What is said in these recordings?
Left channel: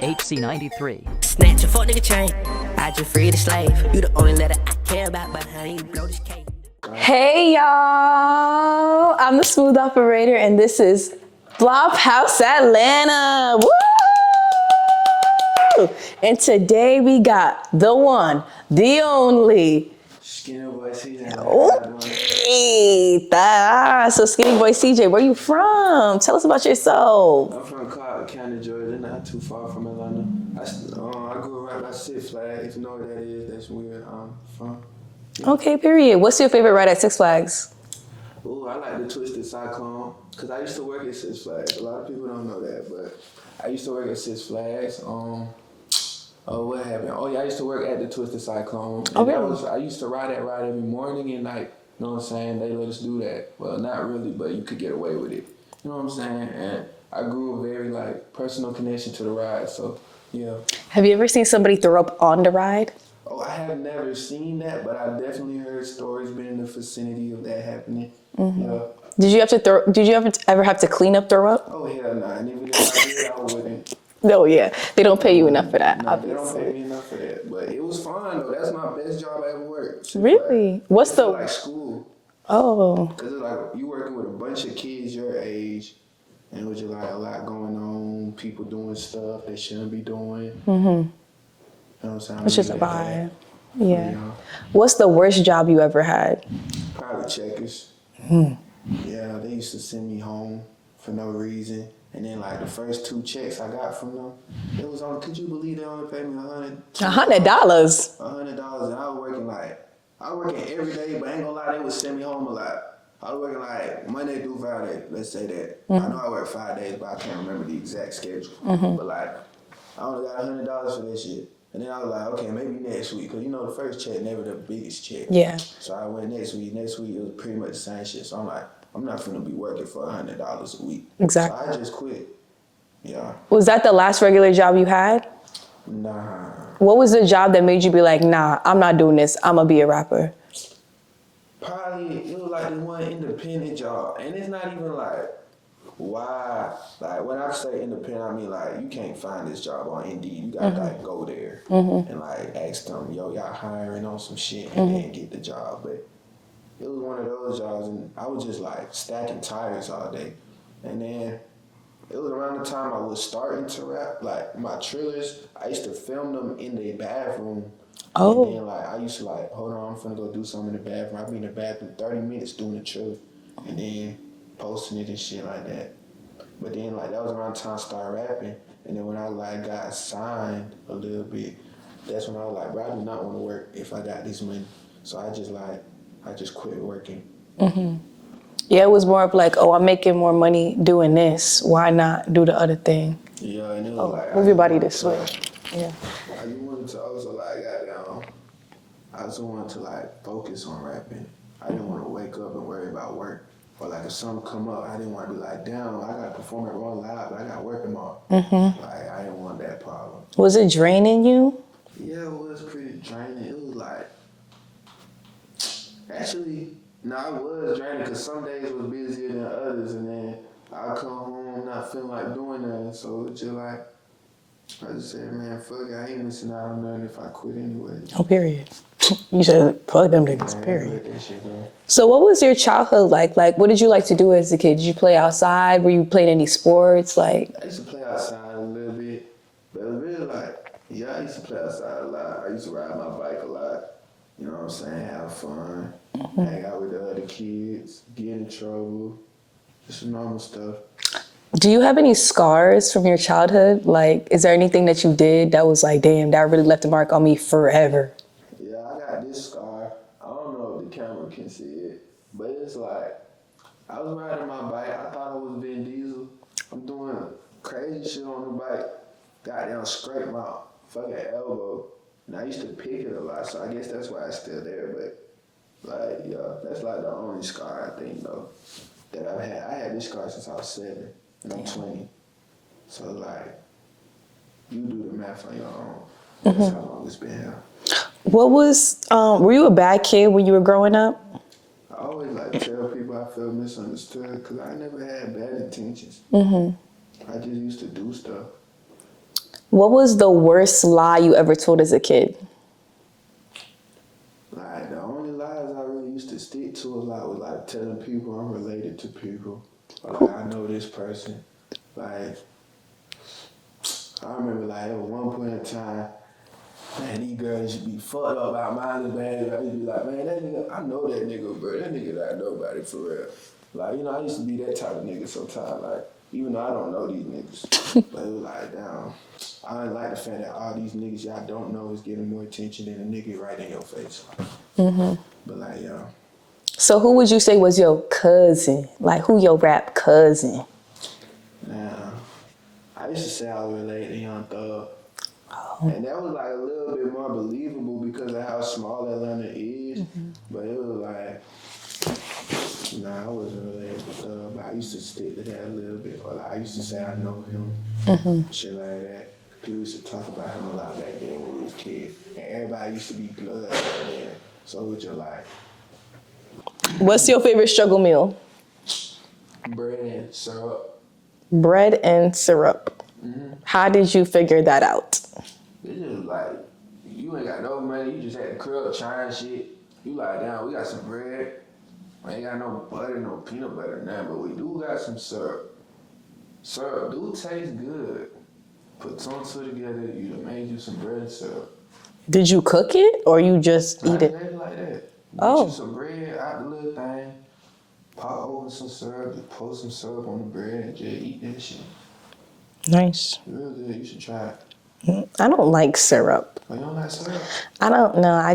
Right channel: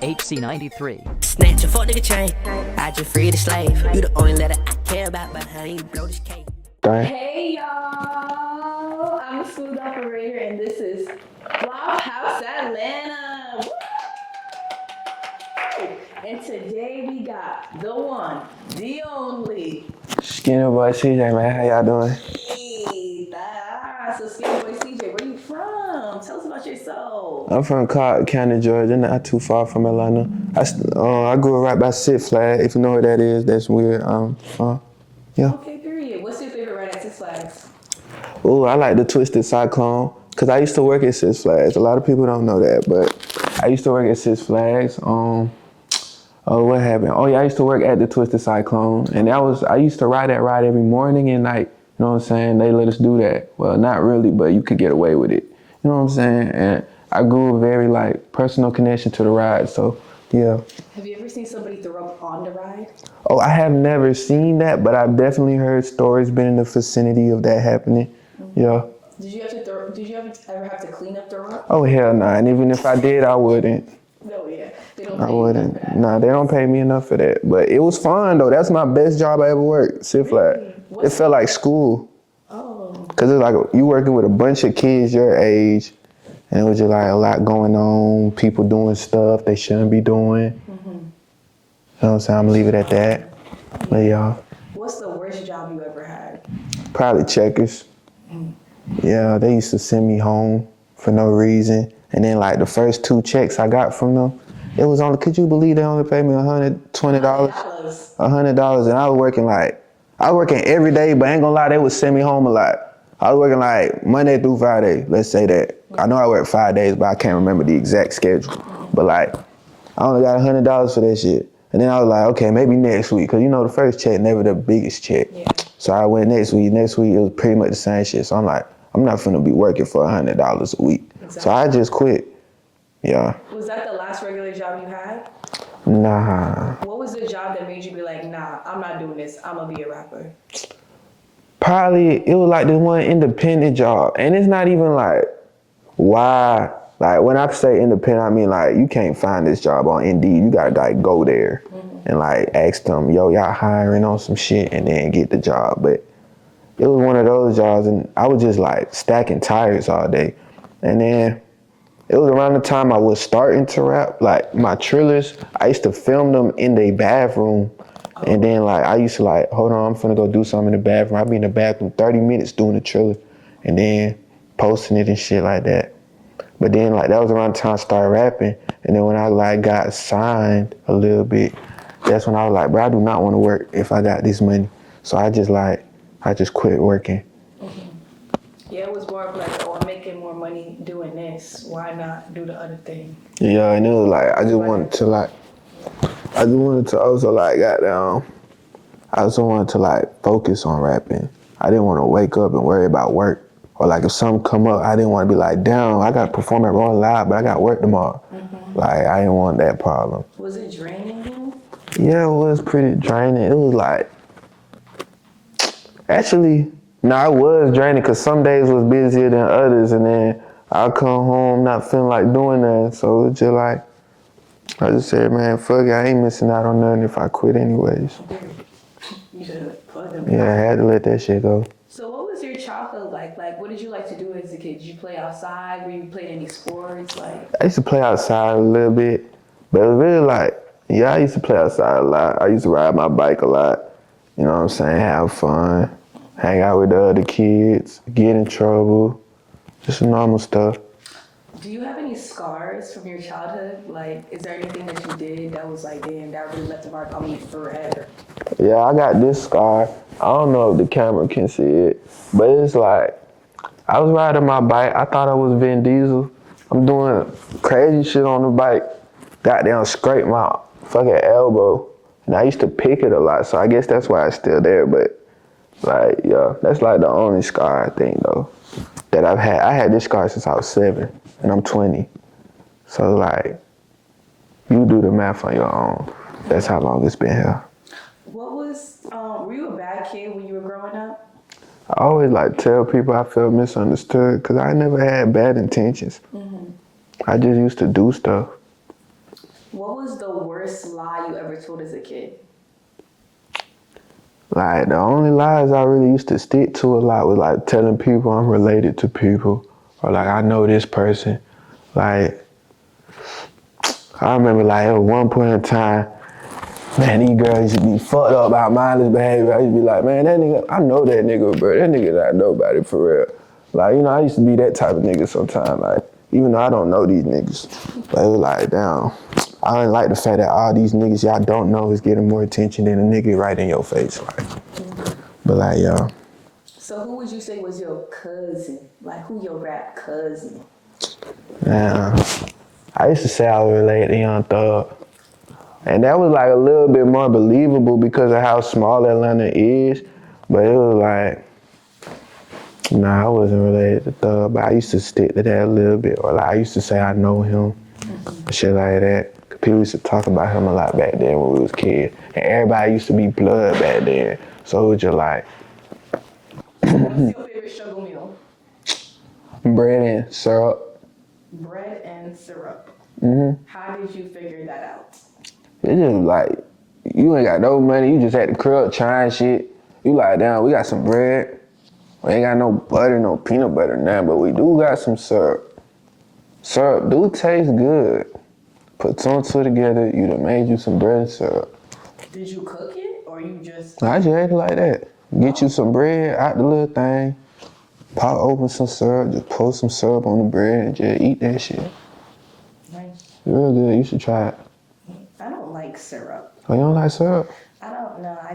HC93. Snatch a fuck nigga chain. I just free the slave. You the only letter I care about, but honey, you blow this cake. Hey y'all, I'm the smooth operator and this is Flophouse Atlanta. Woo! And today we got the one, the only SkinnyBoi CJ, man. How y'all doing? So SkinnyBoi CJ, where you from? Tell us about yourself. I'm from Carti, Georgia, not too far from Atlanta. I grew up right by Six Flags. If you know what that is, that's where yeah. Okay, period. What's your favorite ride at Six Flags? Oh, I like the Twisted Cyclone, because I used to work at Six Flags. A lot of people don't know that, but I used to work at Six Flags. What happened? Oh, yeah, I used to work at the Twisted Cyclone, and I used to ride that ride every morning and night. You know what I'm saying? They let us do that. Well, not really, but you could get away with it. You know what I'm saying? And I grew a very, personal connection to the ride, so, yeah. Have you ever seen somebody throw up on the ride? Oh, I have never seen that, but I've definitely heard stories, been in the vicinity of that happening. Mm-hmm. Yeah. Did you ever have to clean up throw up? Oh, hell no. And even if I did, I wouldn't. No, yeah. They don't pay you enough for that. No, they don't pay me enough for that. But it was fun, though. That's my best job I ever worked. Really? It felt like school. Oh. Because it's like you working with a bunch of kids your age, and it was just like a lot going on, people doing stuff they shouldn't be doing. Mm-hmm. You know what I'm saying? I'm going to leave it at that. Yeah. But, yeah. What's the worst job you ever had? Probably checkers. Yeah, they used to send me home for no reason. And then the first 2 checks I got from them, it was only, could you believe they only paid me $120? $100? $100, and I was working every day, but I ain't gonna lie, they would send me home a lot. I was working Monday through Friday, let's say that. Mm-hmm. I know I worked 5 days, but I can't remember the exact schedule. Mm-hmm. But I only got $100 for that shit. And then I was like, okay, maybe next week, because the first check never the biggest check. Yeah. So I went next week. Next week, it was pretty much the same shit. So I'm like, I'm not finna be working for $100 a week. Exactly. So I just quit. Yeah. Was that the last regular job you had? Nah. What was the job that made you be like, nah, I'm not doing this. I'm gonna be a rapper? Probably, it was the one independent job. And it's not even why, when I say independent, I mean you can't find this job on Indeed. You gotta go there and ask them, yo, y'all hiring on some shit, and then get the job. But it was one of those jobs, and I was just stacking tires all day. And then it was around the time I was starting to rap, my trillers, I used to film them in the bathroom. Oh. And then I used to hold on, I'm finna go do something in the bathroom. I'd be in the bathroom 30 minutes doing the triller and then posting it and shit like that. But then that was around the time I started rapping. And then when I got signed a little bit, that's when I was bro, I do not want to work if I got this money. So I just quit working. Mm-hmm. Yeah, it was more of I'm making more money doing this. Why not do the other thing? Yeah, and it was I just wanted to also goddamn, I also wanted to focus on rapping. I didn't want to wake up and worry about work. Or if something come up, I didn't want to be damn, I got to perform at Rolling Live, but I got work tomorrow. Mm-hmm. I didn't want that problem. Was it draining you? Yeah, it was pretty draining. It was actually, no, it was draining because some days was busier than others, and then I'll come home not feeling like doing that. So it was just I just said, man, fuck it, I ain't missing out on nothing if I quit anyways. Oh, period. You said, fuck them niggas. Yeah, I had to let that shit go. So what was your childhood like? What did you like to do as a kid? Did you play outside? Were you playing any sports? I used to play outside a little bit, but it was really yeah, I used to play outside a lot. I used to ride my bike a lot. You know what I'm saying? Have fun. Hang out with the other kids, get in trouble, just normal stuff. Do you have any scars from your childhood? Is there anything that you did that was damn, that really left a mark on me forever? Yeah, I got this scar. I don't know if the camera can see it, but it's I was riding my bike. I thought I was Vin Diesel. I'm doing crazy shit on the bike. Goddamn scraped my fucking elbow. And I used to pick it a lot, so I guess that's why it's still there, but yeah, that's the only scar I think though that I've had. I had this scar since I was 7 and I'm 20. So you do the math on your own. That's how long it's been here. What was, were you a bad kid when you were growing up? I always like tell people I felt misunderstood because I never had bad intentions. I just used to do stuff. What was the worst lie you ever told as a kid? Like, the only lies I really used to stick to a lot was like telling people I'm related to people or like I know this person. Like, I remember like at one point in time, man, these girls used to be fucked up about mindless behavior. I used to be like, man, that nigga, I know that nigga, bro. That nigga not nobody for real. Like, you know, I used to be that type of nigga sometimes. Like, even though I don't know these niggas. But it was like, damn, I didn't like the fact that all these niggas y'all don't know is getting more attention than a nigga right in your face. Like, but like, yo. So who would you say was your cousin? Like, who your rap cousin? Now, I used to say I was related to Young Thug. And that was like a little bit more believable because of how small Atlanta is. But it was like, nah, I wasn't related to Thug, but I used to stick to that a little bit. Or like I used to say I know him, shit like that. Cause people used to talk about him a lot back then when we was kids. And everybody used to be blood back then. So it was just like. What's your favorite struggle meal? Bread and syrup. Bread and syrup. How did you figure that out? It's just like, you ain't got no money, you just at the crib trying shit. You like, damn, we got some bread. We ain't got no butter, no peanut butter now, but we do got some syrup. Syrup do taste good. Put two and two together, you done made you some bread and syrup. Did you cook it or you just I just ate it like that. Get you some bread out the little thing, pop open some syrup, just pour some syrup on the bread and just eat that shit. Nice. It's real good, you should try it. I don't like syrup. Oh, you don't like syrup? I don't know. I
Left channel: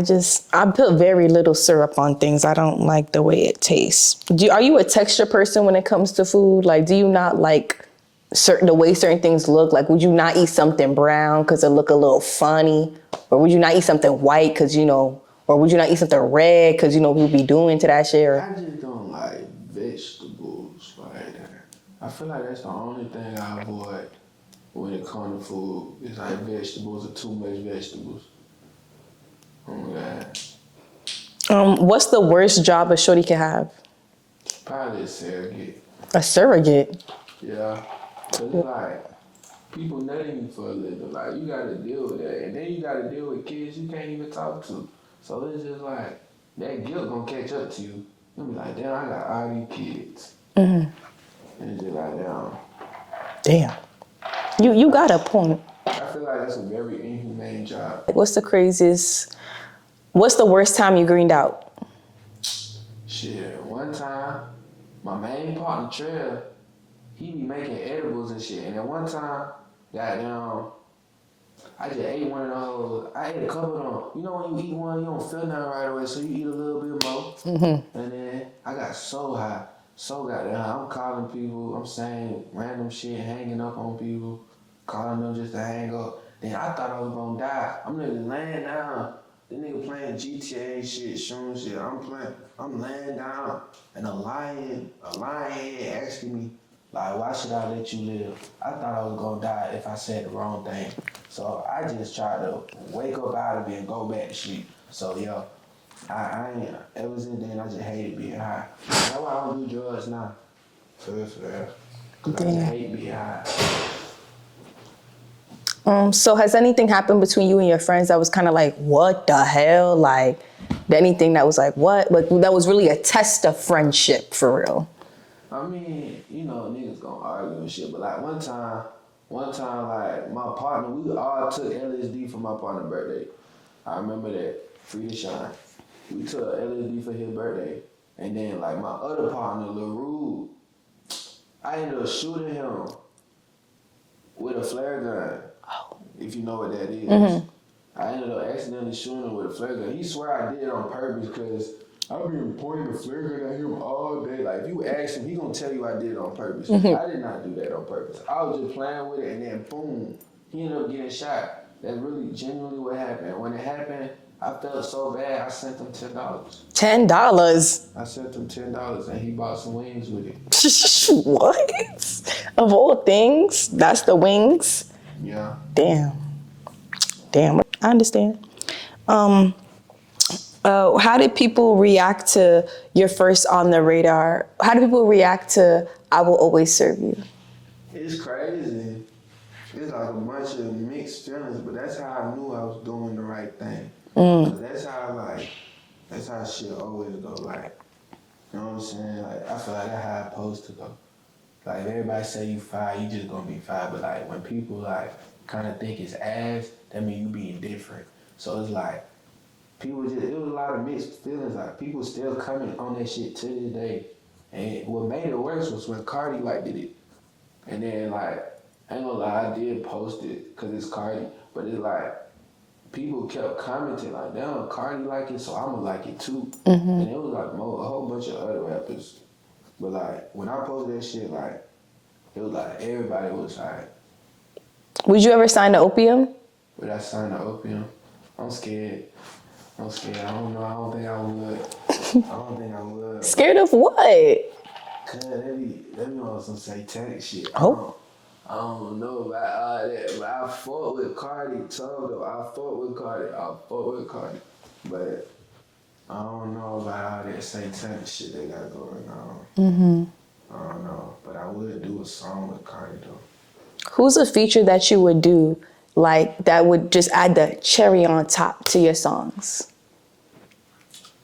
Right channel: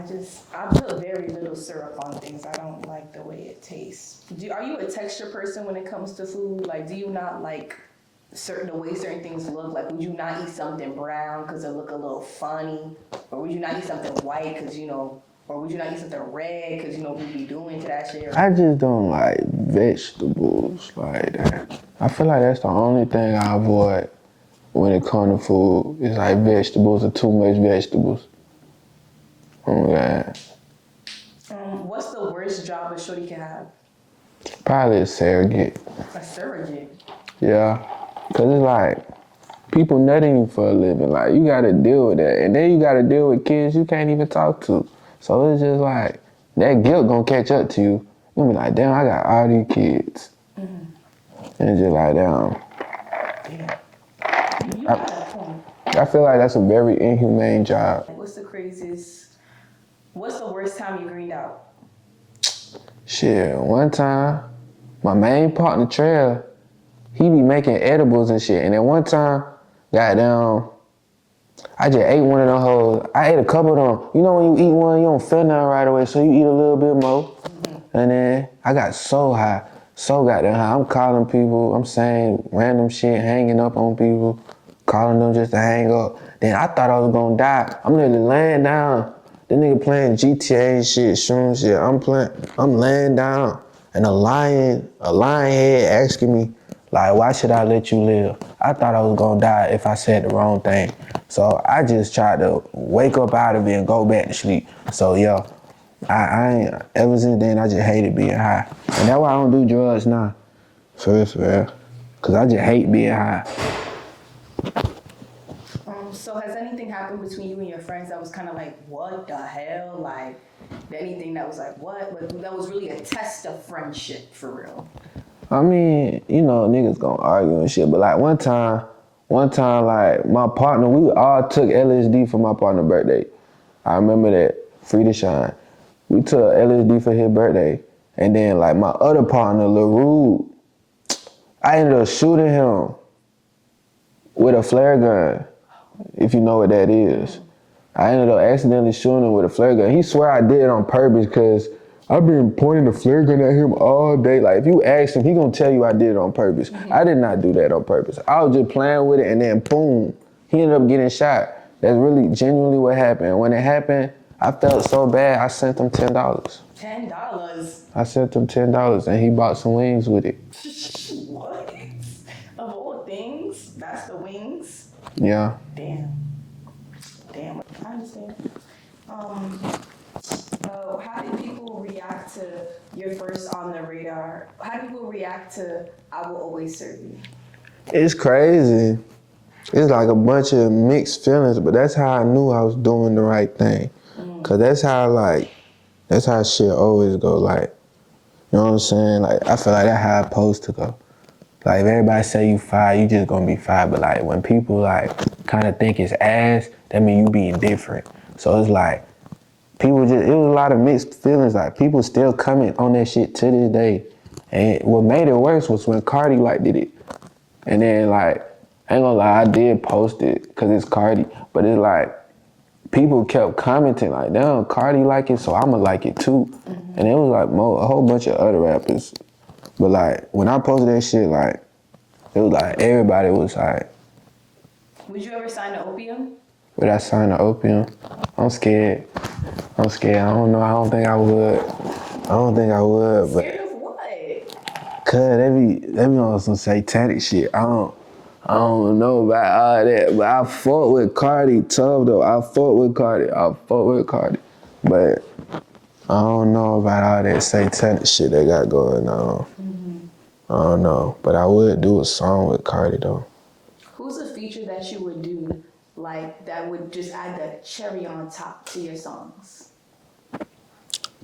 put very little syrup on things. I don't like the way it tastes. Are you a texture person when it comes to food? Like, do you not like the way certain things look? Like, would you not eat something brown because it look a little funny? Or would you not eat something white because, you know, or would you not eat something red because, you know, we'll be doing to that shit? Or? I just don't like vegetables like that. I feel like that's the only thing I avoid when it comes to food. It's like vegetables or too much vegetables. Oh, God. What's the worst job a shorty can have? Probably a surrogate. A surrogate? Yeah. Cause it's like, people nutting you for a living. Like, you gotta deal with that. And then you gotta deal with kids you can't even talk to. So it's just like, that guilt gonna catch up to you. You'll be like, damn, I got all these kids. And it's just like, damn. Damn. You got a point. I feel like that's a very inhumane job. What's the worst time you greened out? Shit, one time, my main partner, Trail, he be making edibles and shit. And at one time, goddamn, I just ate one of them hoes. I ate a couple of them. You know when you eat one, you don't feel nothing right away, so you eat a little bit more. And then I got so high, so goddamn high. I'm calling people, I'm saying random shit, hanging up on people, calling them just to hang up. Then I thought I was gonna die. I'm literally laying down. The nigga playing GTA and shit, shooting shit. I'm laying down. And a lion head asking me, like, why should I let you live? I thought I was gonna die if I said the wrong thing. So I just tried to wake up out of it and go back to sleep. So yeah, I ain't, ever since then, I just hated being high. And that's why I don't do drugs now. For real. Cause I just hate being high. So has anything happened between you and your friends that was kind of like, what the hell? Like, anything that was like, what? Like, that was really a test of friendship, for real? I mean, you know, niggas gonna argue and shit, but like one time, like my partner, we all took LSD for my partner's birthday. I remember that, free to shine. We took LSD for his birthday. And then like my other partner, Lil Rude, I ended up shooting him with a flare gun, if you know what that is. I ended up accidentally shooting him with a flare gun. He swear I did it on purpose because I've been pointing the flare gun at him all day. Like, if you ask him, he gonna tell you I did it on purpose. I did not do that on purpose. I was just playing with it, and then boom, he ended up getting shot. That's really genuinely what happened. When it happened, I felt so bad, I sent him $10. $10? I sent him $10, and he bought some wings with it. What? Of all things, that's the wings? Yeah. Damn, I understand. How did people react to your first On the Radar? How do people react to I Will Always Serve You? It's crazy. It's like a bunch of mixed feelings, but that's how I knew I was doing the right thing. Cause that's how shit always go. Like, you know what I'm saying? Like, I feel like that's how it's supposed to go. Like, if everybody say you fired, you just gonna be fired. But like, when people like kind of think it's ass, that mean you being different. So it's like, it was a lot of mixed feelings. Like, people still comment on that shit to this day. And what made it worse was when Carti like did it. And then like, I ain't gonna lie, I did post it cause it's Carti, but it's like, people kept commenting like, damn, Carti like it, so I'ma like it too. And it was like a whole bunch of other rappers. But like, when I posted that shit, like, it was like, everybody was like. Would you ever sign to Opium? Would I sign to Opium? I'm scared. I don't know. I don't think I would. Scared of what? Cause they be on some satanic shit. I don't know about all that, but I fought with Carti tough though. I fought with Carti. But I don't know about all that satanic shit they got going on. I don't know, but I would do a song with Carti though. Who's a feature that you would do, like, that would just add the cherry on top to your songs?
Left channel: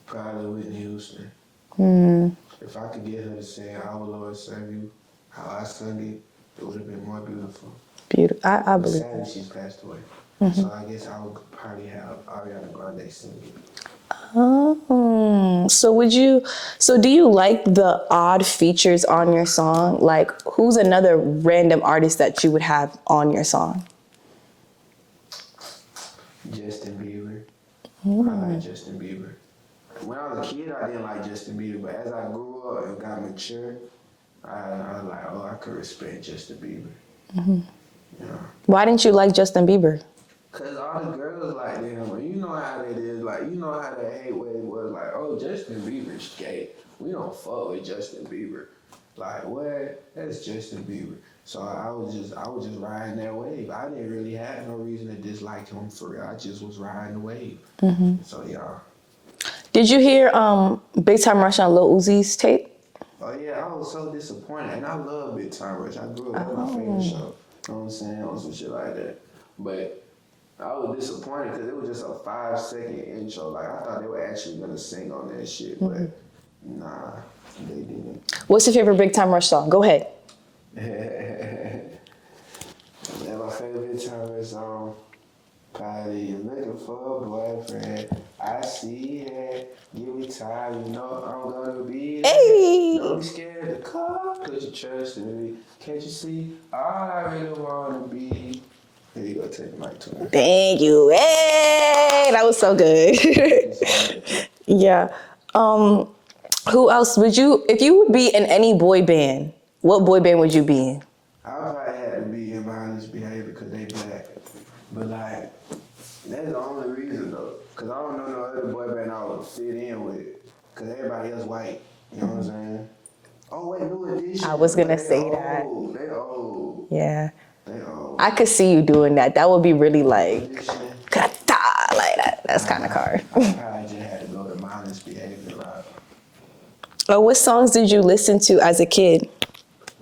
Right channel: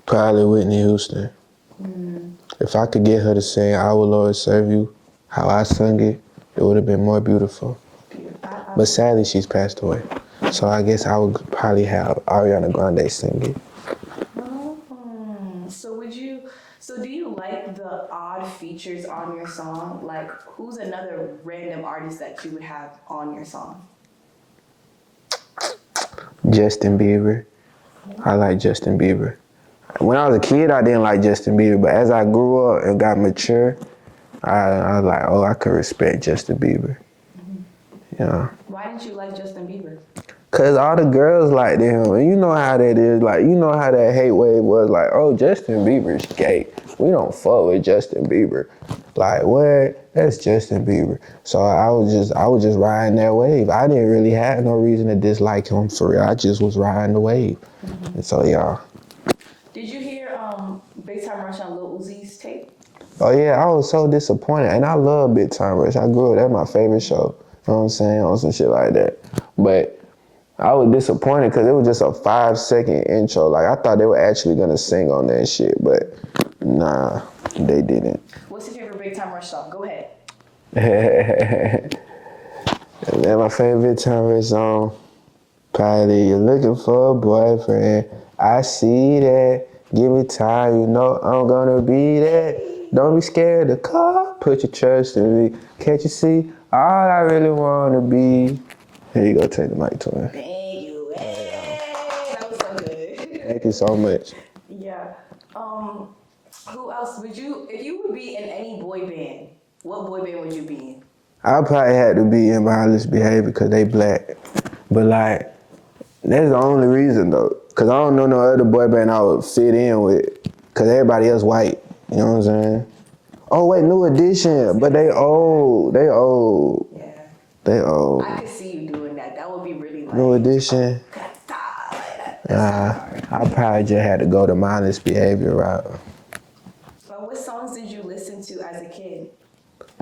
Probably Whitney Houston. If I could get her to sing I Will Always Serve You, how I sung it, it would have been more beautiful. Beautiful. But sadly, she's passed away. So I guess I would probably have Ariana Grande sing it. Oh, so do you like the odd features on your song? Like, who's another random artist that you would have on your song? Justin Bieber. I like Justin Bieber. When I was a kid, I didn't like Justin Bieber, but as I grew up and got mature, I was like, oh, I could respect Justin Bieber. Yeah. Why didn't you like Justin Bieber? Cause all the girls liked him, and you know how that is. Like, you know how that hate wave was. Like, oh, Justin Bieber's gay. We don't fuck with Justin Bieber. Like, what? That's Justin Bieber. So I was just riding that wave. I didn't really have no reason to dislike him for real. I just was riding the wave. And so yeah. Did you hear Big Time Rush on Lil Uzi's tape? Oh yeah, I was so disappointed, and I love Big Time Rush. I grew up, that's my favorite show. You know what I'm saying? On some shit like that. But I was disappointed because it was just a 5-second intro. Like, I thought they were actually gonna sing on that shit, but nah, they didn't. What's your favorite Big Time Rush song? Go ahead. And then my favorite Big Time Rush song, probably You're Looking for a Boyfriend. I see that. Give me time, you know I'm gonna be there. Hey. Don't be scared to call. Put your trust in me. Can't you see all I really wanna be? Here you go, take the mic to me. Thank you. Hey, that was so good. Thank you so much. Yeah. Who else would you, if you would be in any boy band, what boy band would you be in? I probably had to be in Violence Behavior because they black. But like, that's the only reason though. Cause I don't know no other boy band I would fit in with. Cause everybody else white. You know what I'm saying? Oh wait, New Edition. But they old. They old. Yeah. They old. I could see you doing that. That would be really like. New Edition. Like that. That's kind of hard. I probably just had to go the mindless behavior route. What songs did you listen to as a kid?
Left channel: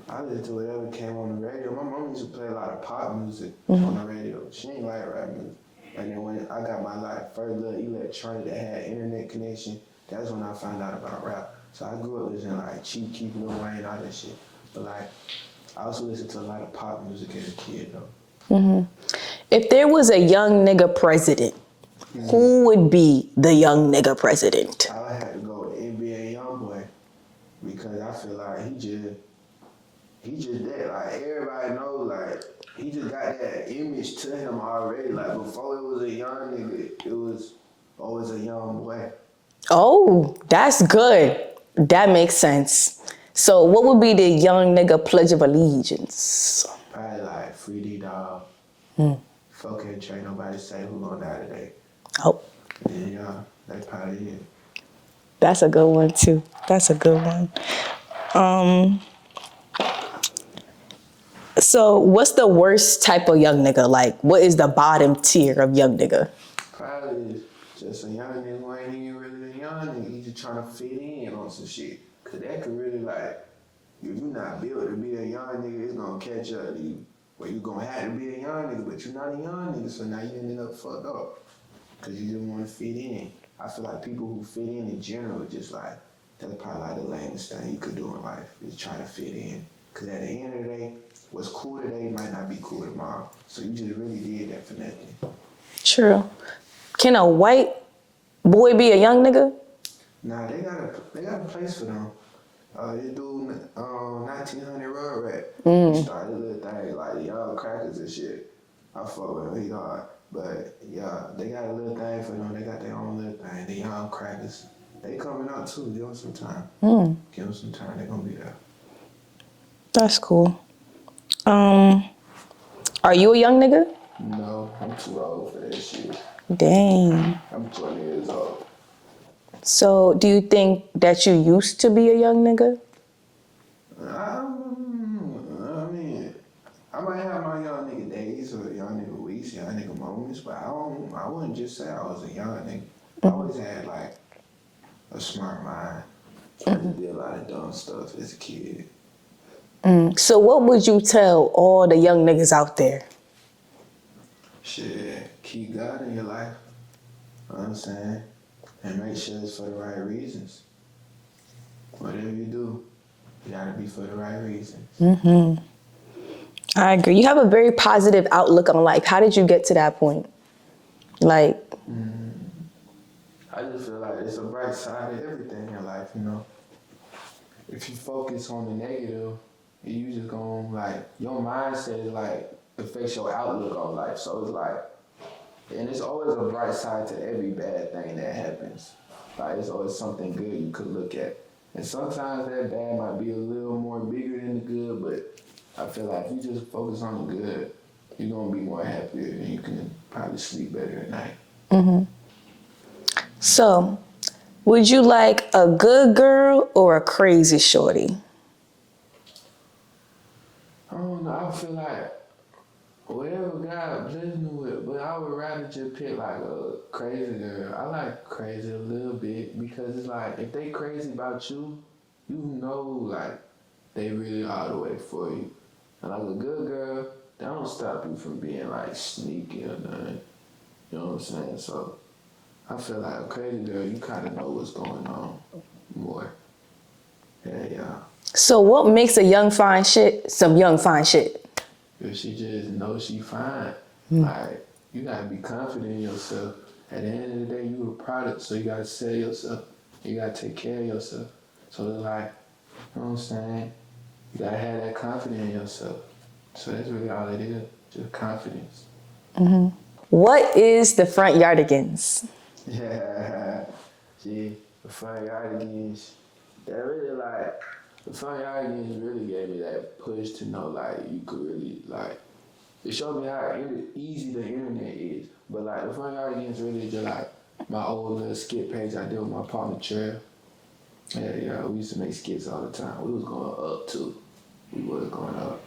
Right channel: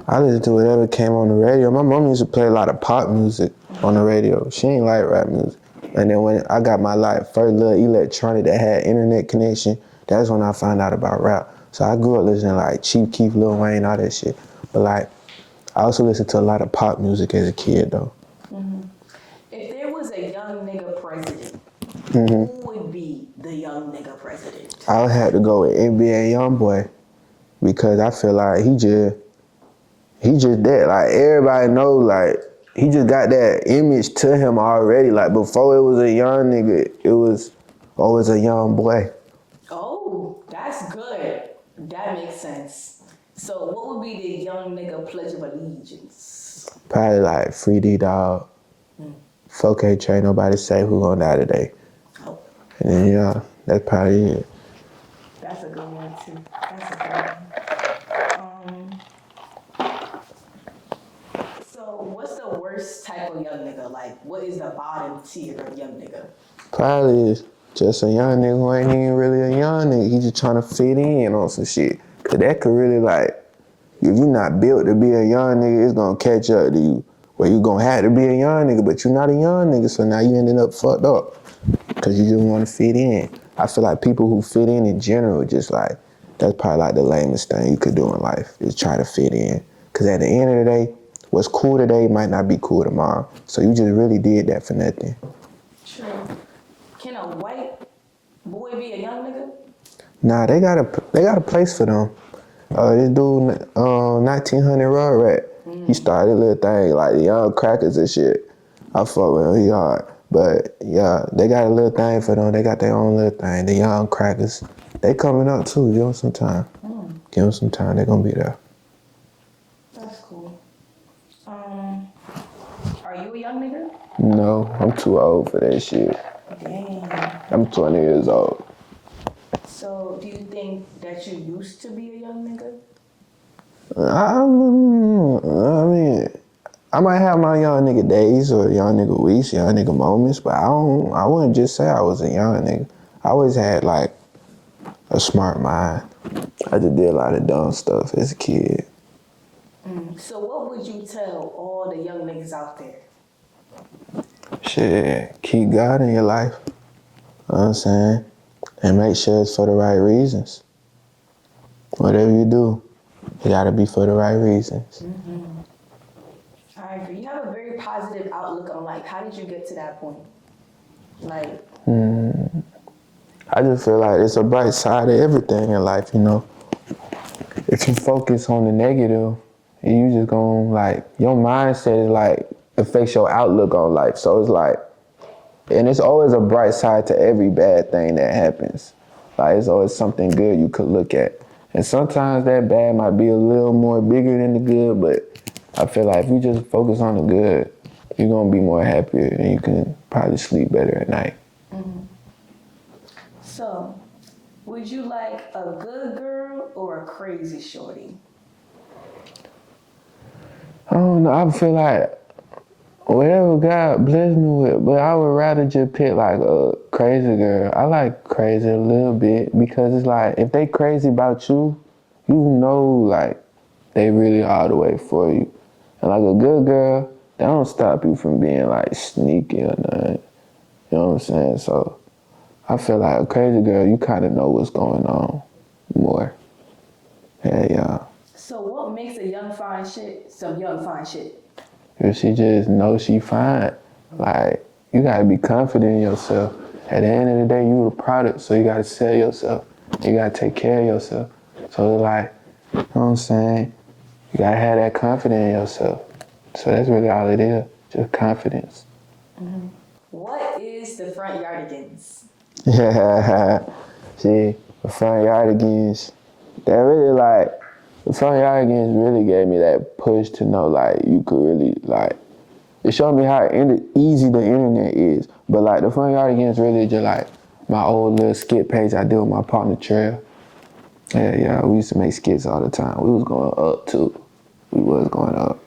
I listened to whatever came on the radio. My mom used to play a lot of pop music on the radio. She ain't like rap music. And then when I got my first little electronic that had internet connection, that's when I found out about rap. So I grew up listening to like Chief Keef, Lil Wayne, all that shit. But like, I also listened to a lot of pop music as a kid though. If there was a young nigga president, who would be the young nigga president? I would have to go with NBA Youngboy because I feel like he just that. Like, everybody knows, like, he just got that image to him already. Like, before it was a young nigga, it was always a young boy. Oh, that's good. That makes sense. So what would be the young nigga pledge of allegiance? Probably like Free D Dog, 4K Train, Nobody Say Who Gonna Die Today. Oh. And then, yeah, that's probably it. That's a good one, too. That's a good one. So what's the worst type of young nigga? Like, what is the bottom tier of young nigga? Probably just a young nigga who ain't even really a young nigga. He just trying to fit in on some shit. Cause that could really like, if you not built to be a young nigga, it's gonna catch up to you. Where you gonna have to be a young nigga, but you're not a young nigga, so now you ended up fucked up. Cause you just wanna fit in. I feel like people who fit in general, just like, that's probably like the lamest thing you could do in life, is try to fit in. Cause at the end of the day, what's cool today might not be cool tomorrow. So you just really did that for nothing. True. Can a white boy be a young nigga? Nah, they got a place for them. This dude, 1900 Raw Rat, he started a little thing like the Young Crackers and shit. I fuck with him, he hard. But yeah, they got a little thing for them. They got their own little thing, the Young Crackers. They coming up too, give them some time. Give them some time, they gonna be there. That's cool. Are you a young nigga? No, I'm too old for that shit. Dang. I'm 20 years old. So do you think that you used to be a young nigga? I mean, I might have my young nigga days or young nigga weeks, young nigga moments, but I wouldn't just say I was a young nigga. I always had like a smart mind. I just did a lot of dumb stuff as a kid. So what would you tell all the young niggas out there? Shit, keep God in your life. You know what I'm saying? And make sure it's for the right reasons. Whatever you do, it gotta be for the right reasons. I agree. You have a very positive outlook on life. How did you get to that point? Like, I just feel like it's a bright side of everything in life, you know? If you focus on the negative, you just gonna like, your mindset is like, affects your outlook on life. So it's like, and it's always a bright side to every bad thing that happens. Like, it's always something good you could look at. And sometimes that bad might be a little more bigger than the good, but I feel like if you just focus on the good, you're gonna be more happier and you can probably sleep better at night. so would you like a good girl or a crazy shorty? I don't know, I feel like whatever God bless me with, but I would rather just pick like a crazy girl. I like crazy a little bit because it's like, if they crazy about you, you know like they really all the way for you. And like a good girl, they don't stop you from being like sneaky or nothing. You know what I'm saying? So I feel like a crazy girl, you kind of know what's going on more. Yeah. So what makes a young fine shit some young fine shit? If she just knows she fine, like, you gotta be confident in yourself. At the end of the day, you the product, so you gotta sell yourself. You gotta take care of yourself. So like, you know what I'm saying? You gotta have that confidence in yourself. So that's really all it is, just confidence. What is the front yardigans? Yeah, see, the front yardigans, that really like, the front yardigans really gave me that push to know like you could really like, it showed me how easy the internet is. But like the front yardigans really just like my old little skit page I did with my partner Trail. Yeah, we used to make skits all the time. We was going up too. We was going up.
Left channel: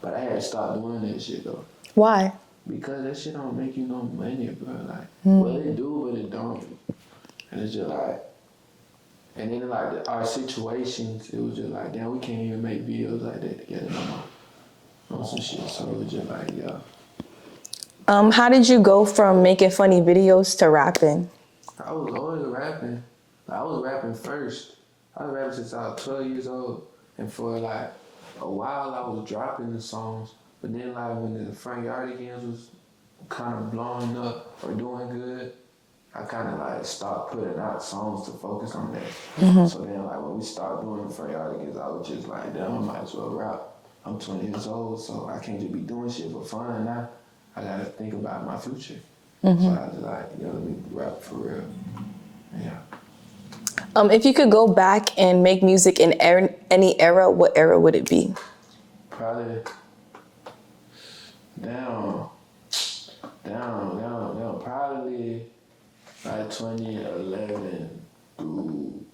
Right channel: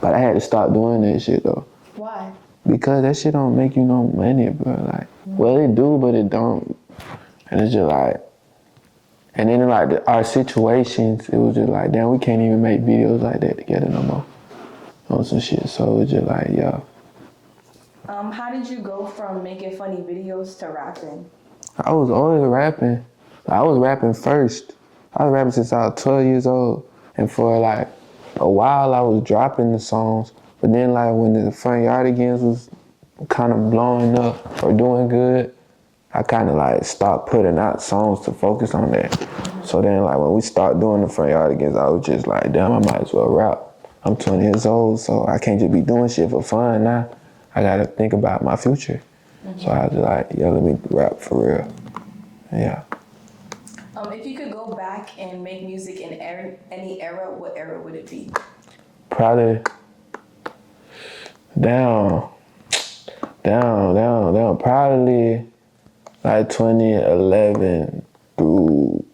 But I had to stop doing that shit though. Why? Because that shit don't make you no money, bro. Like, well, it do, but it don't. And it's just like, and then like our situations, it was just like, damn, we can't even make videos like that together no more. On some shit, so it was just like, yeah. How did you go from making funny videos to rapping? I was always rapping. I was rapping first. I was rapping since I was 12 years old. And for like a while, I was dropping the songs. But then like when the Front Yardigans was kind of blowing up or doing good, I kind of like stopped putting out songs to focus on that. So then like when we started doing the Front Yardigans, I was just like, damn, I might as well rap. I'm 20 years old, so I can't just be doing shit for fun now. I gotta think about my future. So I was like, yeah, let me rap for real. Yeah. If you could go back and make music in any era, what era would it be? Probably down. Probably like 2011 through.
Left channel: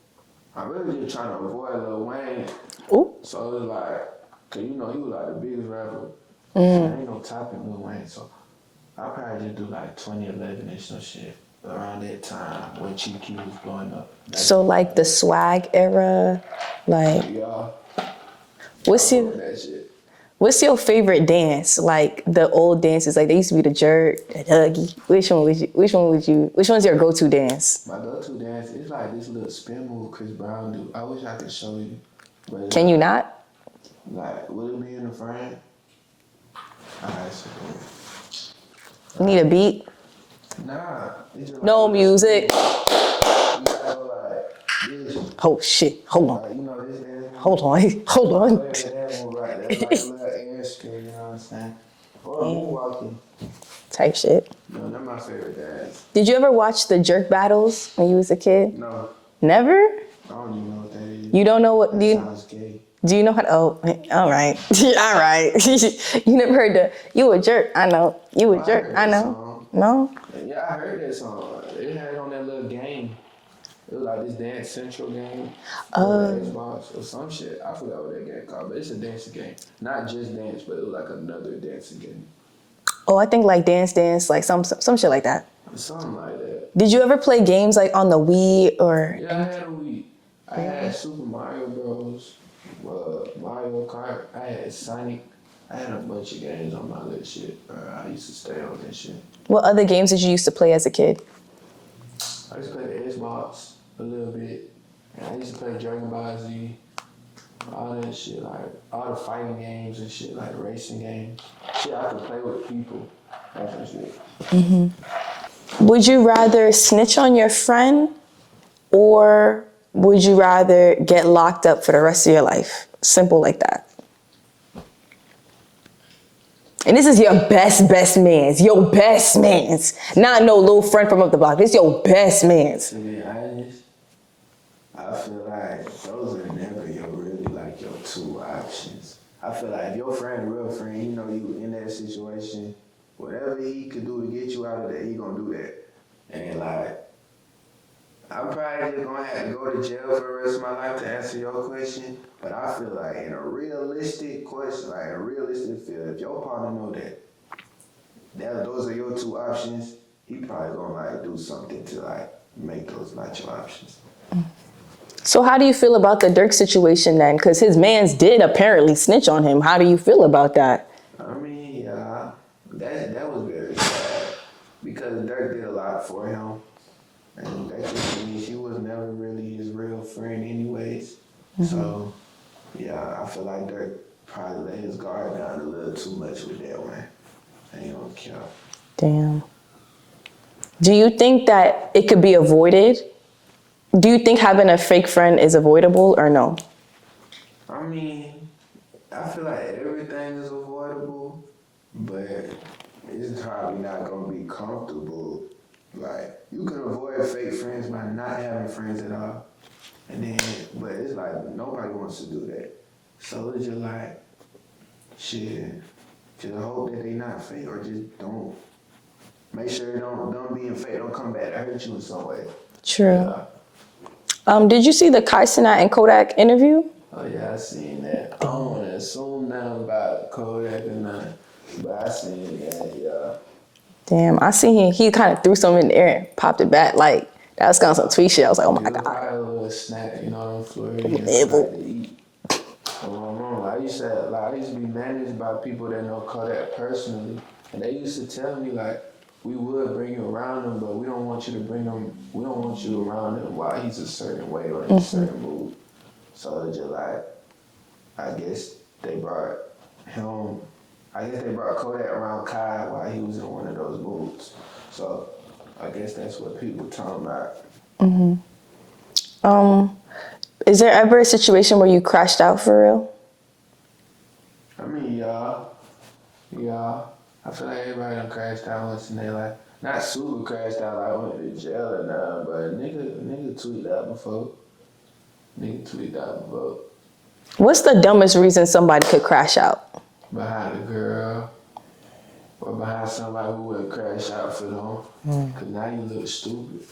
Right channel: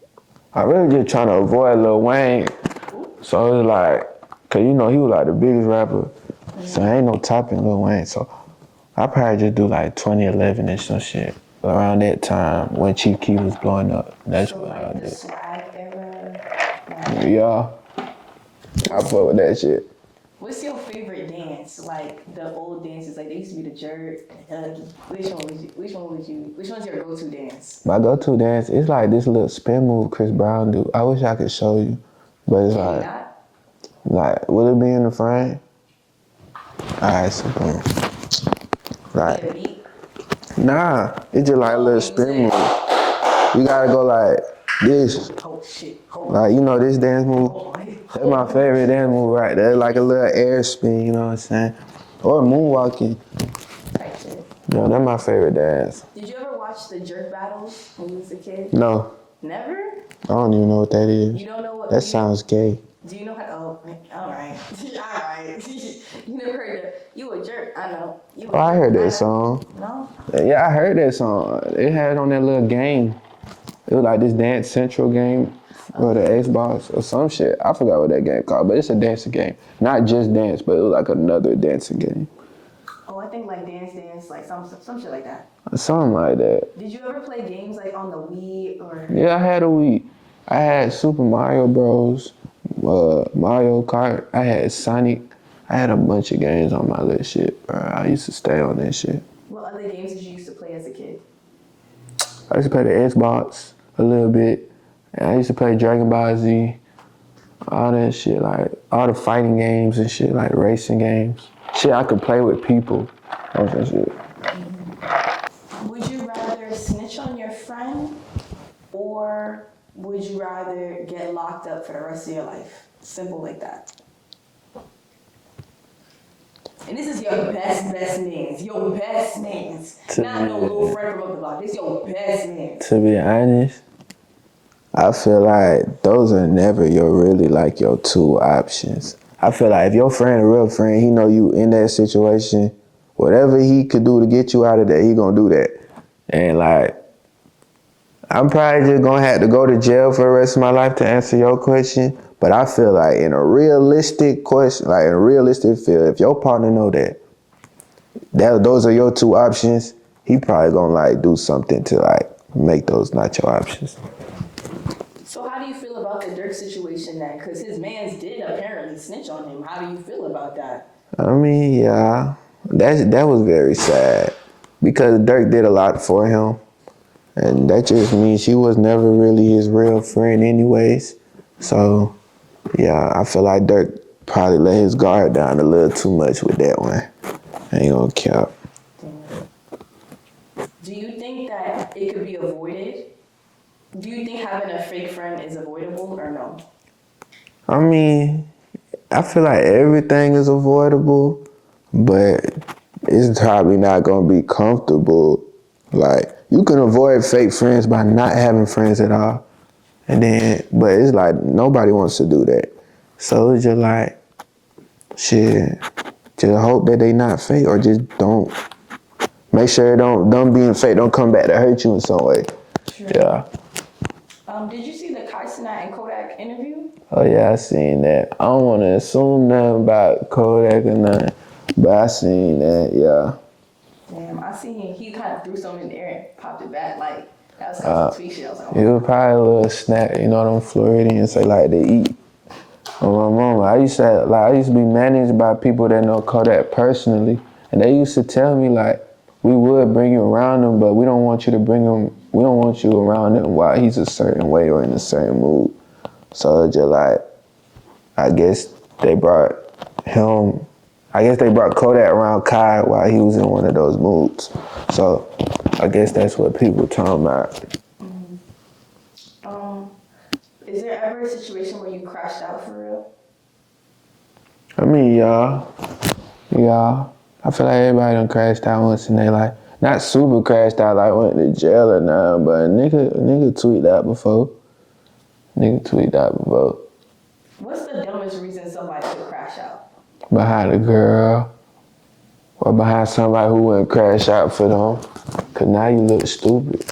I really just trying to avoid Lil Wayne. Ooh. So it was like, cause you know he was like the biggest rapper. So there ain't no topping Lil Wayne. So I probably just do like 2011 and some shit. around that time when Chief Keef was blowing up. So like the swag era, like Yeah. what's I fuck your with that shit. what's your favorite dance? Like the old dances, like they used to be the jerk, the huggy. Which one's your go-to dance? My go-to dance is like this little spin move Chris Brown do. I wish I could show you. But it's Can you like, not? Like, will it be in the frame? Alright, so boom. Like, Need a beat? nah, it's just like No a little spin music. move. You gotta go like this. Oh shit, hold on. Like, you know this dance move? Hold on. That's Hold my on. favorite dance move right there. Like a little air spin, you know what I'm saying? Or moonwalking. Type shit. No, that's my favorite dance. Did you ever watch the jerk battles when you was a kid? No, Never? I don't even know what that is. You don't know what? That sounds gay. Do you know how to? Oh, all right, all right. You never heard the "You a jerk"? I know. You a jerk. I heard that know. song. No. Yeah, I heard that song. They had it on that little game. It was like this Dance Central game or the Xbox or some shit. I forgot what that game called, but it's a dancing game. Not just dance, but it was like another dancing game. Oh, I think like Dance Dance, like some shit like that. Something like that. Did you ever play games like on the Wii or? Yeah, I had a Wii. I had Super Mario Bros. Mario Kart. I had Sonic. I had a bunch of games on my little shit, bro. I used to stay on that shit. What other games did you used to play as a kid? I used to play the Xbox a little bit. And I used to play Dragon Ball Z. All that shit, like all the fighting games and shit, like racing games. Shit I could play with people. All that shit. Would you rather snitch on your friend or would you rather get locked up for the rest of your life? Simple like that. And this is your best man's. Your best man's. Not no little friend from up the block. This your best man's. To be honest, I feel like those are never your two options. I feel like if your friend, a real friend, he know you in that situation, whatever he could do to get you out of there, he gonna do that. And like, I'm probably just gonna have to go to jail for the rest of my life to answer your question. But I feel like in a realistic question, like in a realistic field, if your partner know that those are your two options, he probably gonna like do something to like make those not your options. So how do you feel about the Dirk situation then? Because his mans did apparently snitch on him. How do you feel about that? I mean, yeah, that was very sad because Dirk did a lot for him. And that just means she was never really his real friend anyways. So, yeah, I feel like Dirk probably let his guard down a little too much with that one. I ain't gonna cap. Damn. Do you think that it could be avoided? Do you think having a fake friend is avoidable or no? I mean, I feel like everything is avoidable, but it's probably not gonna be comfortable. Like, you can avoid fake friends by not having friends at all. And then, but it's like, nobody wants to do that. So it's just like, shit, just hope that they not fake or just don't. Make sure them being fake don't come back to hurt you in some way. True. Yeah. Did you see the Kai Cenat and Kodak interview? Oh yeah, I seen that. I don't want to assume nothing about Kodak or nothing, but I seen that, yeah. Damn, I seen him. He kind of threw something in the air and popped it back. Like, that was kind of some tweet shit. I was like, oh my It was God. probably a little snack, you know, them Floridians they like to eat. On my mama, I used to be managed by people that know Kodak personally, and they used to tell me like, we would bring you around him, but we don't want you to bring him. We don't want you around him while he's a certain way or in a certain mood. So just like, I guess they brought Kodak around Kai while he was in one of those moods. So I guess that's what people talking about. Is there ever a situation where you crashed out for real? I mean, yeah. I feel like everybody done crashed out once in their life. Not super crashed out, like went to jail or nothing, but a nigga tweaked out before. What's the dumbest reason somebody could crash out? Behind a girl. Or behind somebody who wouldn't crash out for them. Cause now you look stupid.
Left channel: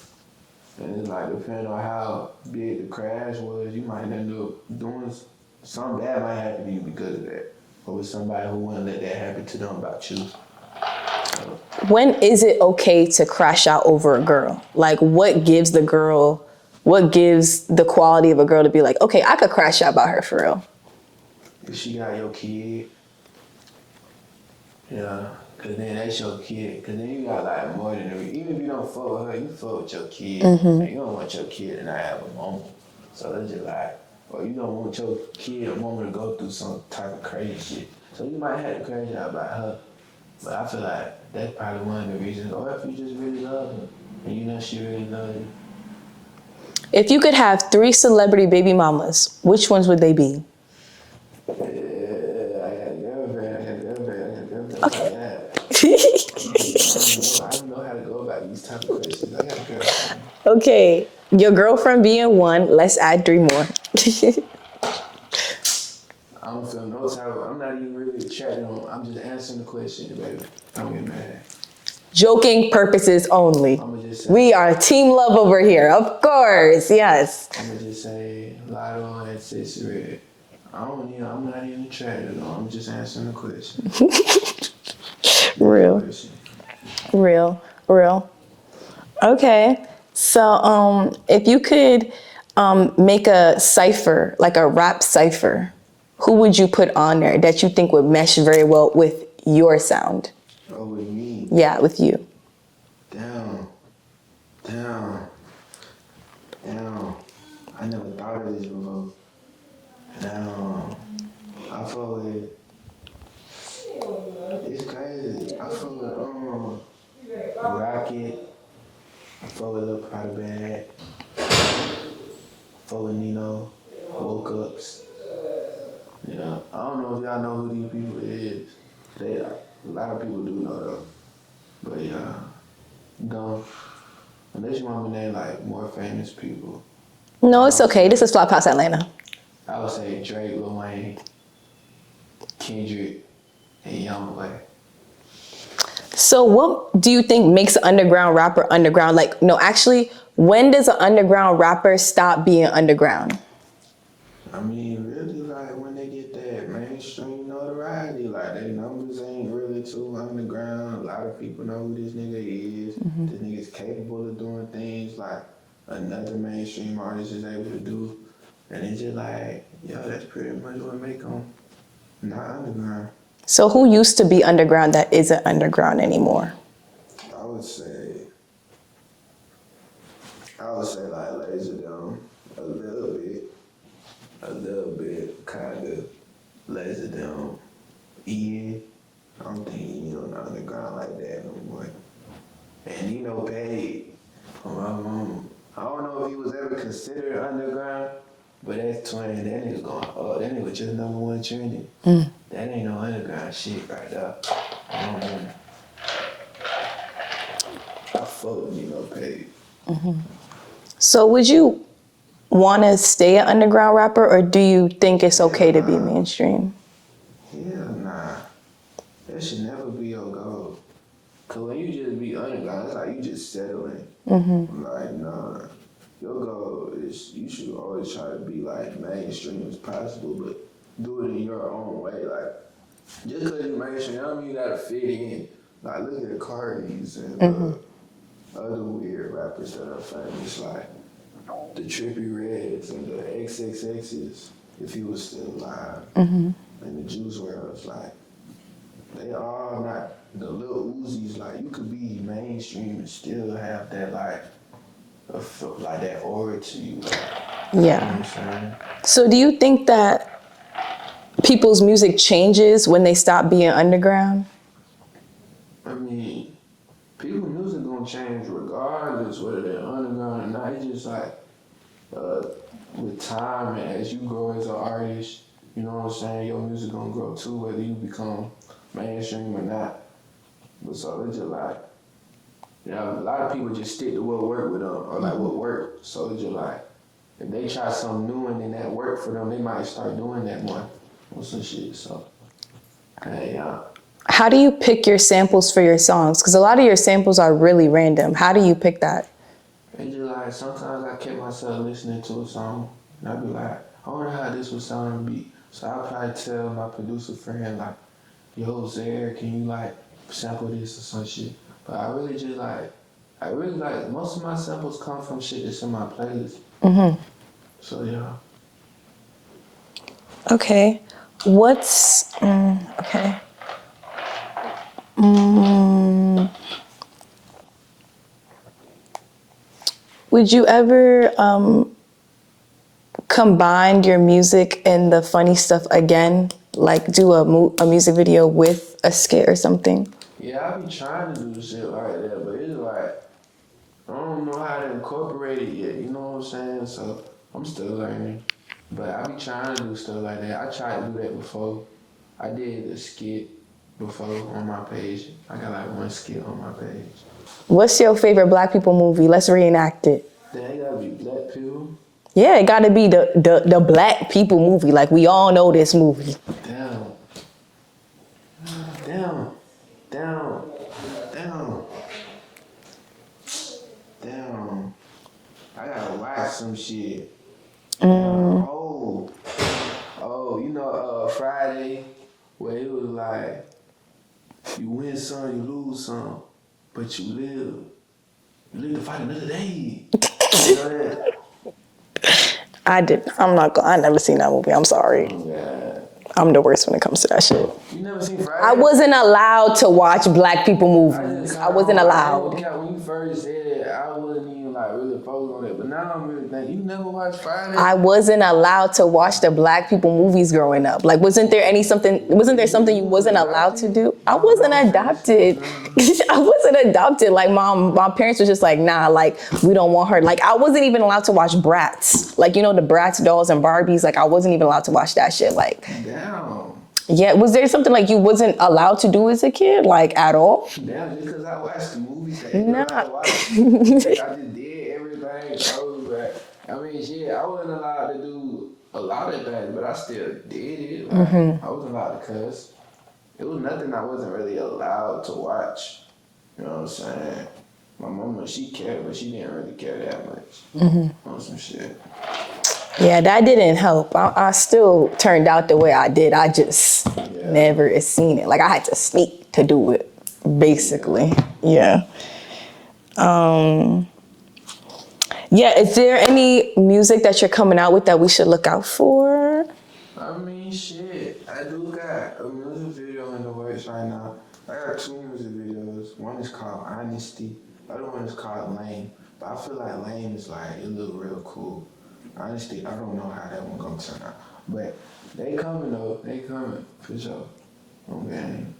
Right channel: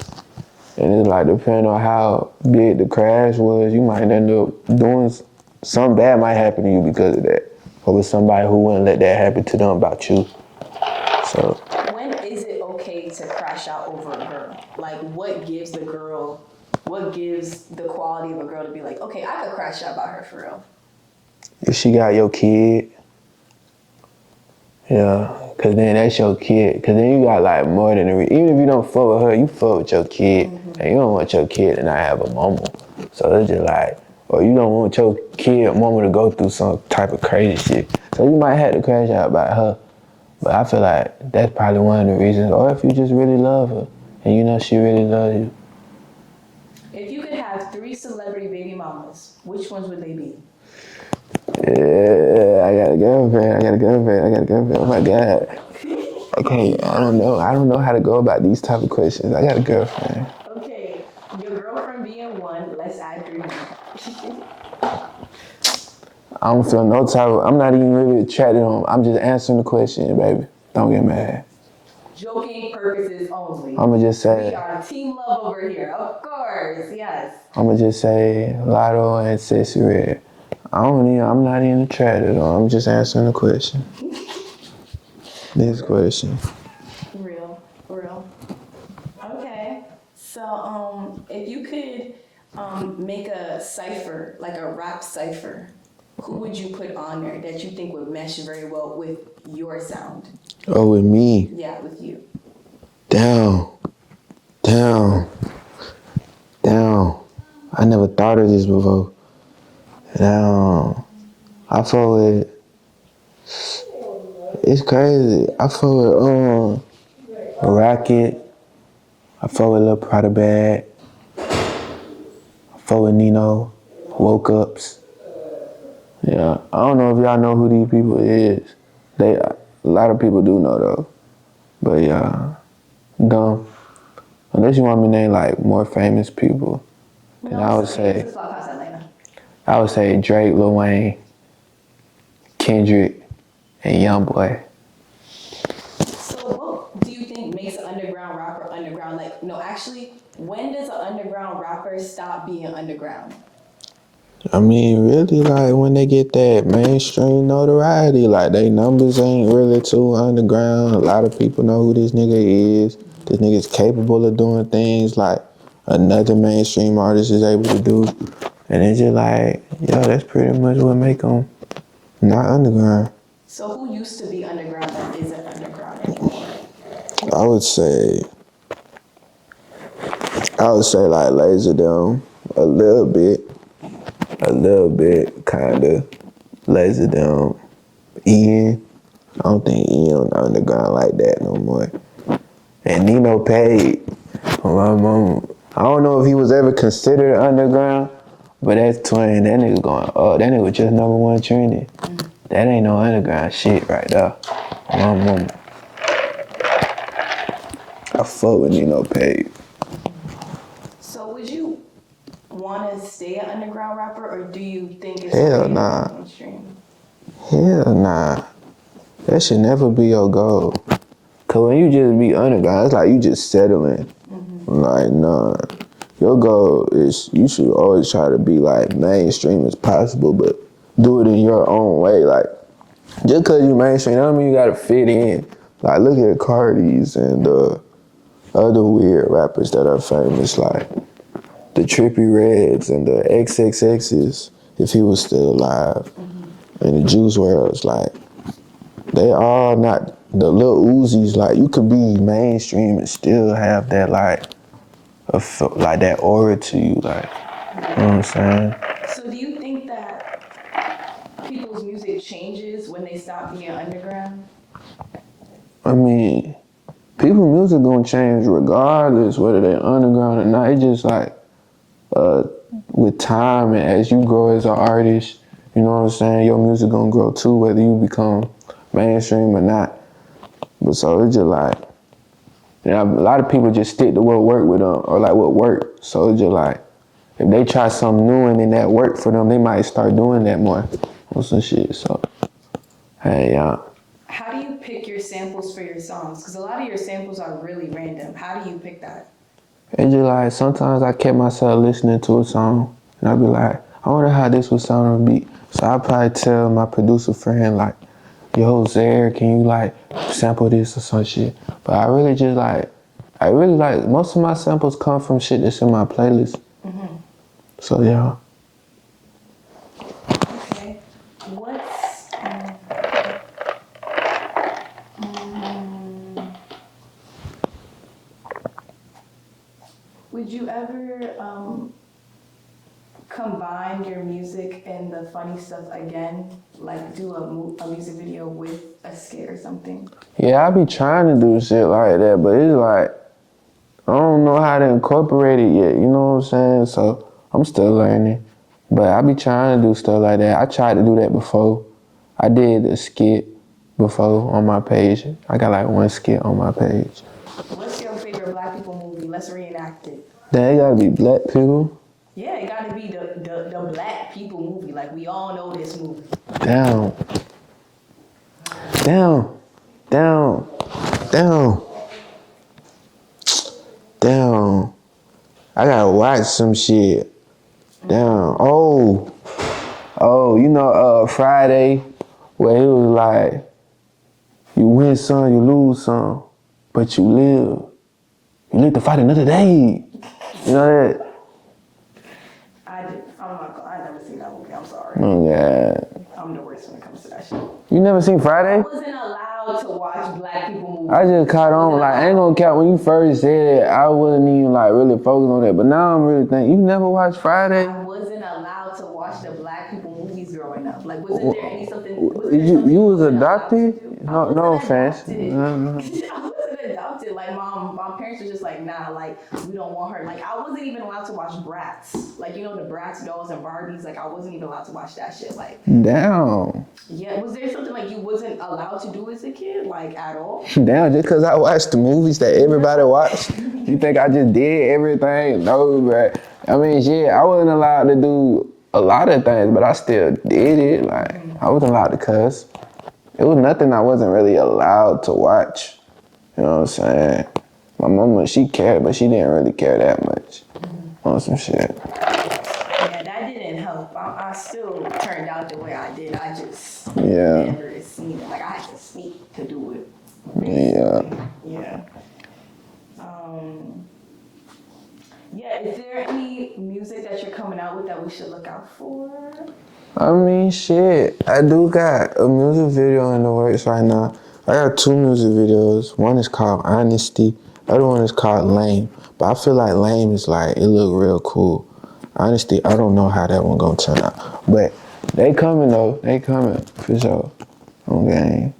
And it's like, depending on how big the crash was, you might end up doing something bad might happen to you because of that. Or with somebody who wouldn't let that happen to them about you. So when is it okay to crash out over a girl? Like, what gives the quality of a girl to be like, okay, I could crash out about her for real? If she got your kid, yeah, cause then that's your kid. Cause then you got like more than even if you don't fuck with her, you fuck with your kid, and you don't want your kid to not have a mama. So it's just like, or you don't want your kid mama to go through some type of crazy shit. So you might have to crash out about her. But I feel like that's probably one of the reasons. Or if you just really love her, and you know she really loves you. If you could have 3 celebrity baby mamas, which ones would they be? Yeah, I got a girlfriend. Oh my God. Okay, I don't know how to go about these type of questions. I got a girlfriend. Okay, your girlfriend being 1, let's add 3 more. I don't feel no type of, I'm not even really attracted on, I'm just answering the question, baby. Don't get mad. Joking purposes only. I'ma just say. We are team love over here, of course, yes. I'ma just say Lotto and Sissy Red. I'm not even attracted on, I'm just answering the question. Question. Real. Okay, so if you could make a cipher, like a rap cipher, who would you put on there that you think would mesh very well with your sound? Oh, with me? Yeah, with you. Down. I never thought of this before. Down. I fuck with, it's crazy. I fuck with Rocket. I fuck with Lil Prada Bag. I fuck with Nino. Woke Ups. Yeah, I don't know if y'all know who these people is. A lot of people do know though. But yeah, dumb. Unless you want me to name like more famous people. No, it's okay. This is Flophouse Atlanta. I would say Drake, Lil Wayne, Kendrick, and Youngboy. So what do you think makes an underground rapper underground? Like, no, actually, when does an underground rapper stop being underground? I mean, really, like, when they get that mainstream notoriety, like, they numbers ain't really too underground. A lot of people know who this nigga is. This nigga's capable of doing things like another mainstream artist is able to do. And it's just like, yo, that's pretty much what make them not underground. So who used to be underground that isn't underground anymore? I would say like Laserdome, a little bit, kind of. Laserdome, Ian. I don't think Ian underground like that no more. And Nino Page, my mom. I don't know if he was ever considered underground, but that's twin. That nigga going, oh, that nigga just #1 trending. That ain't no underground shit right there. My mom. I fuck with Nino Page. So would you want to stay an underground rapper, or do you think it's okay to be mainstream? Hell nah. That should never be your goal. Cause when you just be underground, it's like you just settling. Like, nah. Your goal is you should always try to be like mainstream as possible, but do it in your own way. Like, just cause you mainstream, I don't mean you gotta fit in. Like, look at Carti's and other weird rappers that are famous, like the Trippie Reds and the XXX's, if he was still alive, and the Juice WRLD's, like, they all not, the Lil Uzis, like, you could be mainstream and still have that, like that aura to you, like, you know what I'm saying? So do you think that people's music changes when they stop being underground? I mean, people's music gonna change regardless whether they're underground or not. It's just like, with time and as you grow as an artist, you know what I'm saying, your music gonna grow too, whether you become mainstream or not. But so it's just like, you know, a lot of people just stick to what work with them, or like what work. So it's just like, if they try something new and then that work for them, they might start doing that more or some shit. So, hey, How do you pick your samples for your songs? Because a lot of your samples are really random. How do you pick that? It's just like, sometimes I kept myself listening to a song and I'd be like, I wonder how this would sound on a beat. So I'd probably tell my producer friend, like, yo, Zare, can you like sample this or some shit? But I really like, most of my samples come from shit that's in my playlist. So yeah. Okay. What's, okay. Would you ever combine your music and the funny stuff again? Like do a music video with a skit or something? Yeah, I be trying to do shit like that, but it's like, I don't know how to incorporate it yet, you know what I'm saying? So I'm still learning. But I be trying to do stuff like that. I tried to do that before. I did a skit before on my page. I got like one skit on my page. What's your favorite Black people movie? Let's reenact it. Damn, it gotta be Black people. Yeah, it gotta be the Black people movie. Like we all know this movie. Damn. I gotta watch some shit. Damn. Oh, you know, Friday, where he was like, you win some, you lose some, but you live. You live to fight another day. You know that? I never seen that movie. I'm sorry. Yeah. I'm the worst when it comes to that shit. You never seen Friday? I wasn't allowed to watch Black people movies. I just caught on. wasn't allowed. I ain't gonna count. When you first said it, I wasn't even like really focused on that. But now I'm really thinking, you never watched Friday? I wasn't allowed to watch the Black people movies growing up. Like, wasn't there something you wasn't allowed to do? I wasn't adopted. I wasn't adopted. Like, my parents was just like, nah, like, we don't want her. Like, I wasn't even allowed to watch Bratz. Like, you know, the Bratz dolls and Barbies. Like, I wasn't even allowed to watch that shit. Like, damn. Yeah, was there something like you wasn't allowed to do as a kid, like at all? Damn, just because I watched the movies that everybody watched, you think I just did everything? No, but I mean, shit, I wasn't allowed to do a lot of things, but I still did it. Like, I wasn't allowed to cuss. It was nothing I wasn't really allowed to watch. You know what I'm saying? My mama, she cared, but she didn't really care that much on some shit. Yeah, that didn't help. I still turned out the way I did. I just never seen it. Like, I had to sneak to do it, basically. Yeah. Yeah, is there any music that you're coming out with that we should look out for? I mean, shit. I do got a music video in the works right now. I got 2 music videos. One is called Honesty. The other one is called Lame. But I feel like Lame is like, it look real cool. Honestly, I don't know how that one gonna turn out. But they coming though. They coming for sure. On game.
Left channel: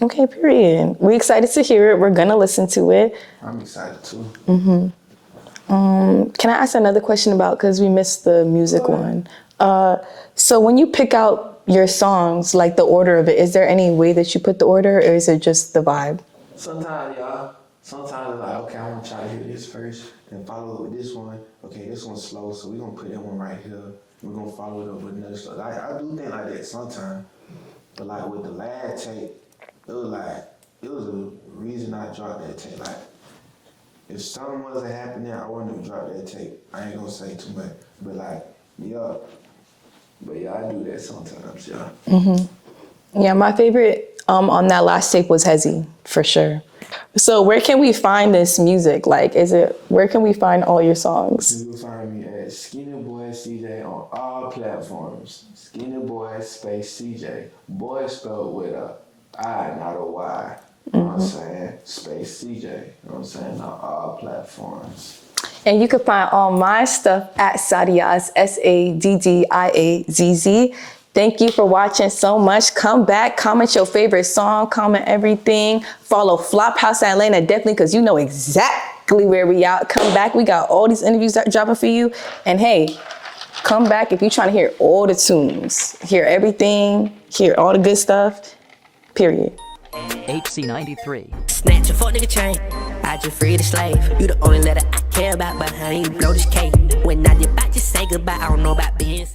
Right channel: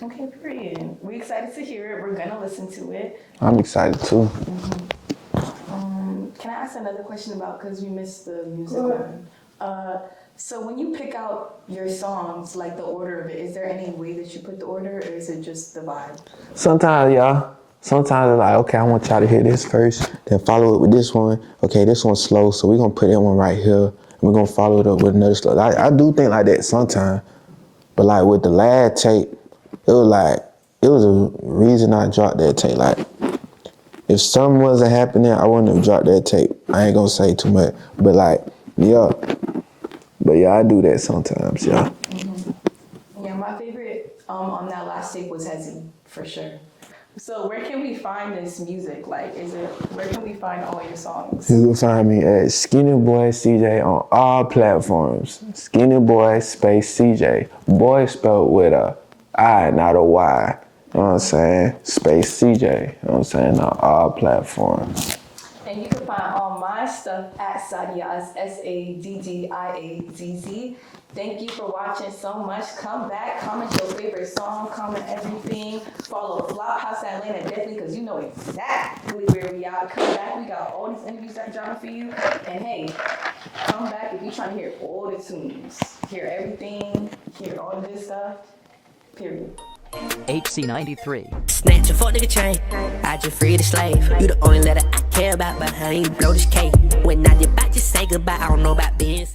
Okay, period. We're excited to hear it. We're gonna listen to it. I'm excited too. Can I ask another question about, because we missed the music one. So when you pick out your songs, like the order of it, is there any way that you put the order, or is it just the vibe? Sometimes, yeah. Sometimes it's like, okay, I want y'all to hear this first, then follow it with this one. Okay, this one's slow, so we're gonna put that one right here, and we're gonna follow it up with another slow. I do think like that sometimes, but like with the last tape, it was a reason I dropped that tape. Like, if something wasn't happening, I wouldn't have dropped that tape. I ain't gonna say too much, but like, yeah. But yeah, I do that sometimes, yeah. Yeah, my favorite on that last tape was Hezzy, for sure. So where can we find this music? Like, where can we find all your songs? You can find me at SkinnyBoi CJ on all platforms. SkinnyBoi space CJ. Boy spelled with a I, not a Y. You know what I'm saying? Space CJ. You know what I'm saying? On all platforms. And you can find all my stuff at Saddiazz, SADDIAZZ. Thank you for watching so much. Come back, comment your favorite song, comment everything. Follow Flophouse Atlanta, definitely, because you know exactly where we out. Come back, we got all these interviews that dropping for you. And hey, come back if you're trying to hear all the tunes, hear everything, hear all the good stuff, period. HC93. Snatch a fuck nigga chain. I just free the slave. You the only letter I care about, but honey, you blow this cake. When I did about, just say goodbye. I don't know about being